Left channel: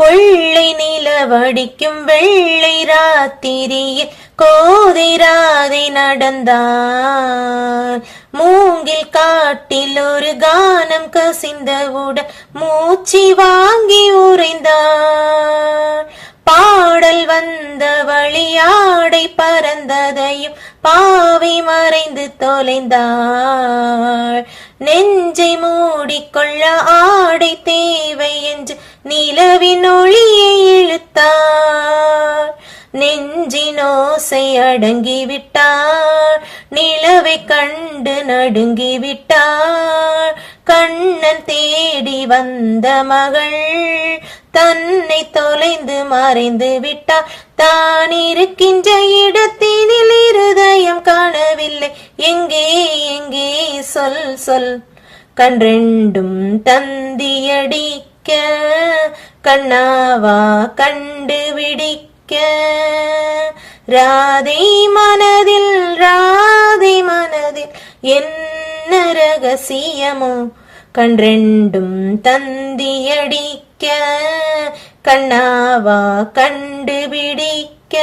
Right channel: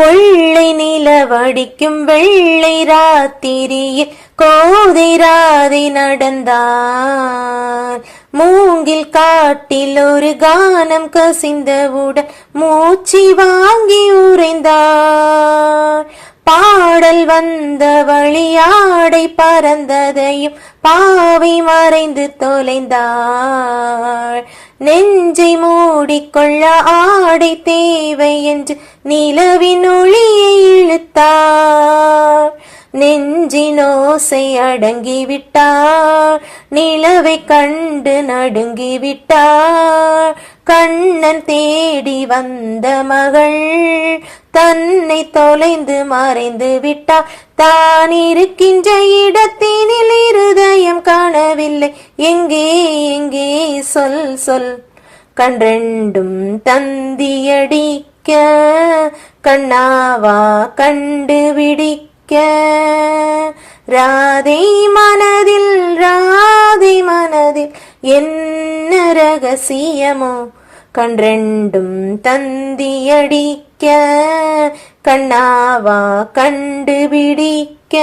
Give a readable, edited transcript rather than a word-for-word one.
கொள்ளை நிலவடிக்கும் வெள்ளை ராத்திரியில் கோதை ராதை நடந்தார். மூங்கில் காட்டில் ஒரு கானம் கசிந்தவுடன் மூச்சு வாங்கி உறைந்தார். பாடல் வந்த வழியாடை பறந்ததையும் பாவை மறைந்து தொலைந்தாள். நெஞ்சை மூடிக்கொள்ள ஆடை தேவை என்று நிலவின் ஒளியை இழுத்தார். நெஞ்சினோசை அடங்கிவிட்டார். நிலவை கண்டு நடுங்கிவிட்டார். கண்ணன் தேடி வந்த மகள் தன்னை தொலைந்து மறைந்து விட்டார். தான் இருக்கின்ற இடத்தினில் இருதயம் காணவில்லை. எங்கே எங்கே சொல் சொல். கன்றெண்டும் தந்தியடிக்க கண்ணாவா கண்டுபிடிக்க. ராதை மனதில் என்ன ரகசியமோ. கன்றெண்டும் தந்தியடிக்க கண்ணாவா கண்டுபிடிக்க.